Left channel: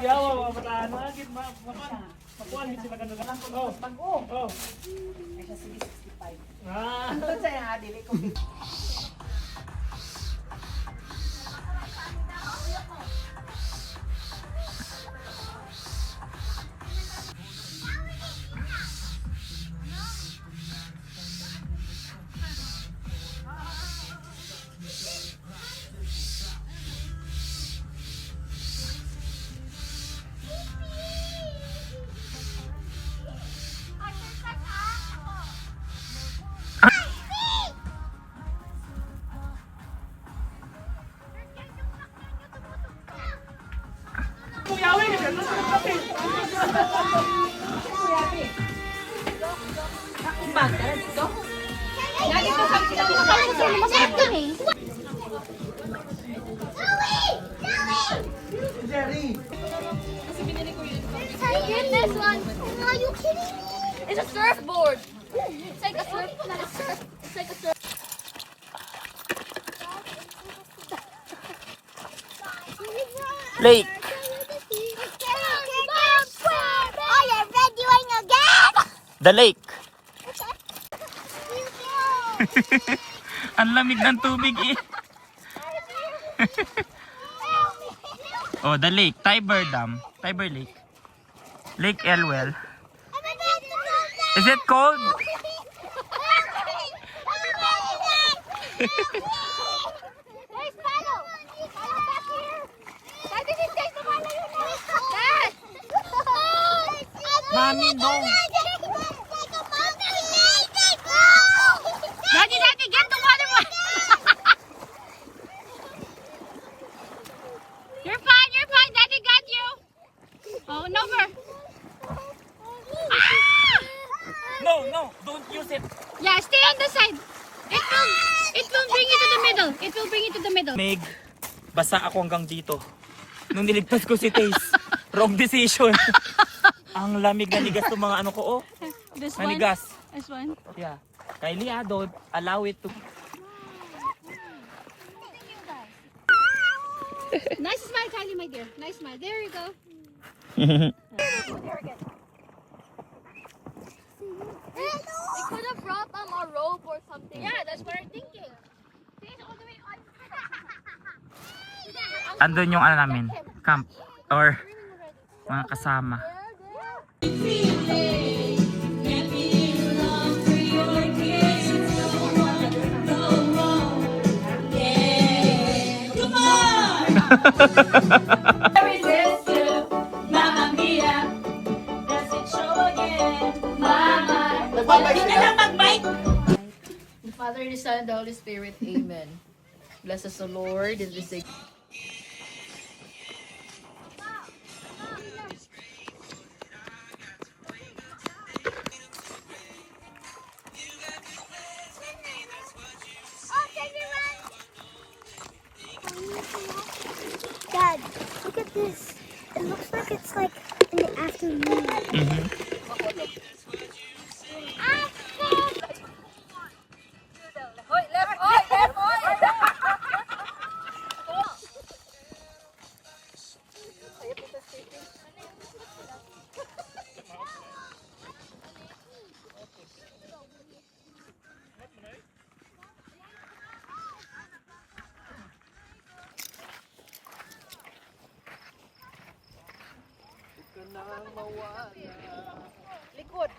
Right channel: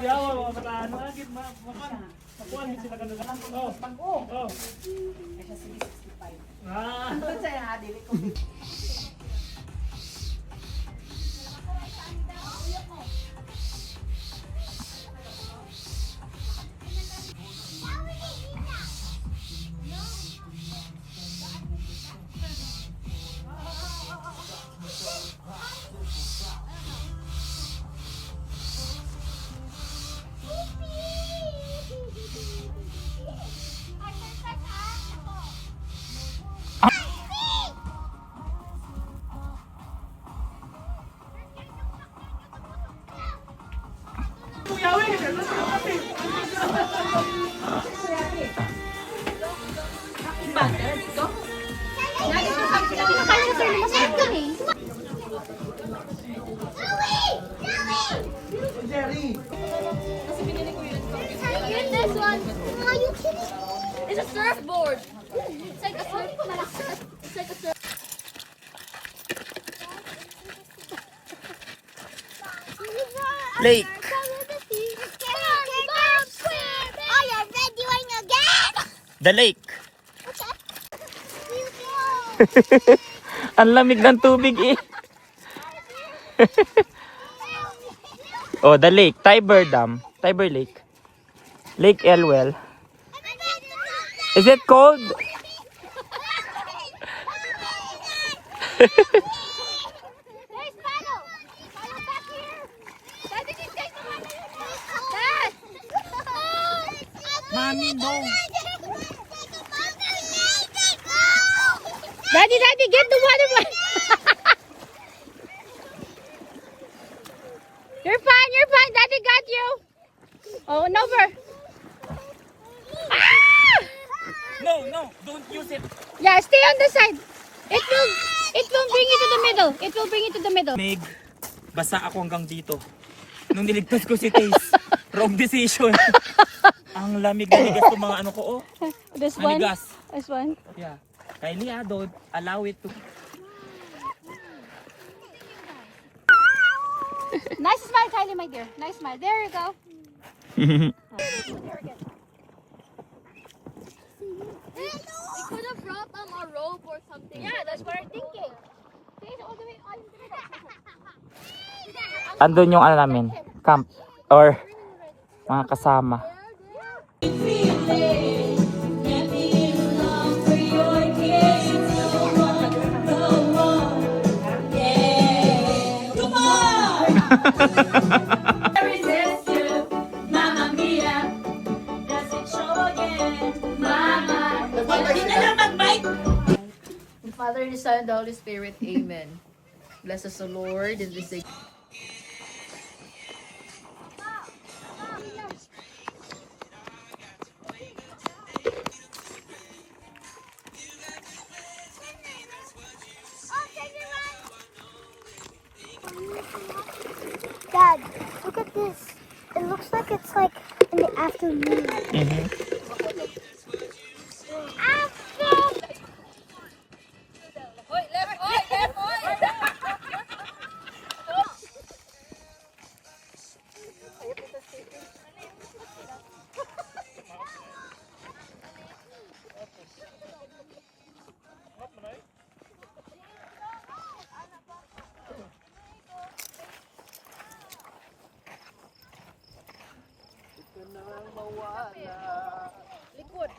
Yawa, mga bataan. Magit, makuha sila ka na. Oh. Oh. Kasi 65. Ah. Ano sa yan, dili ko. Get this one. Are you kidding me? It's a surfboard. It's like a surf, not a surf. It's like a surf. Lake. Oh, you're videoing again? The lake. Ang lamig ng tubig eh. Oh, the lake. Tiber Dam. Tiber Lake. Lake Elwell. Is it cold? There's paddle. Paddle back here. Dad, this is just the one that you know. Dad. Mommy, no. Daddy, get the water. You're fine. Daddy got you. Oh, no, No, don't use it. Yeah, stay on the side. It will bring you to the middle. It will bring you to the middle. Meg, basa ako hanggang dito. Nung niligtas ko si Taze, wrong decision. Ang lamig na nigas ng mga ano ko, oh. This Manigas. This one. Yeah. Kylie, don't allow it to. Nice smile, Kylie, my dear. Nice smile. There you go. We could have brought a rope or something. Yeah, that's what I'm thinking. Andun yung ano namin, camp or mga kasama. Mamma mia, does it show again? Mama, The Father, and the Son, and the Holy Spirit. Amen. Bless us, O Lord, in this day. Dad, look at this. It looks like it's like in the afternoon. Likod.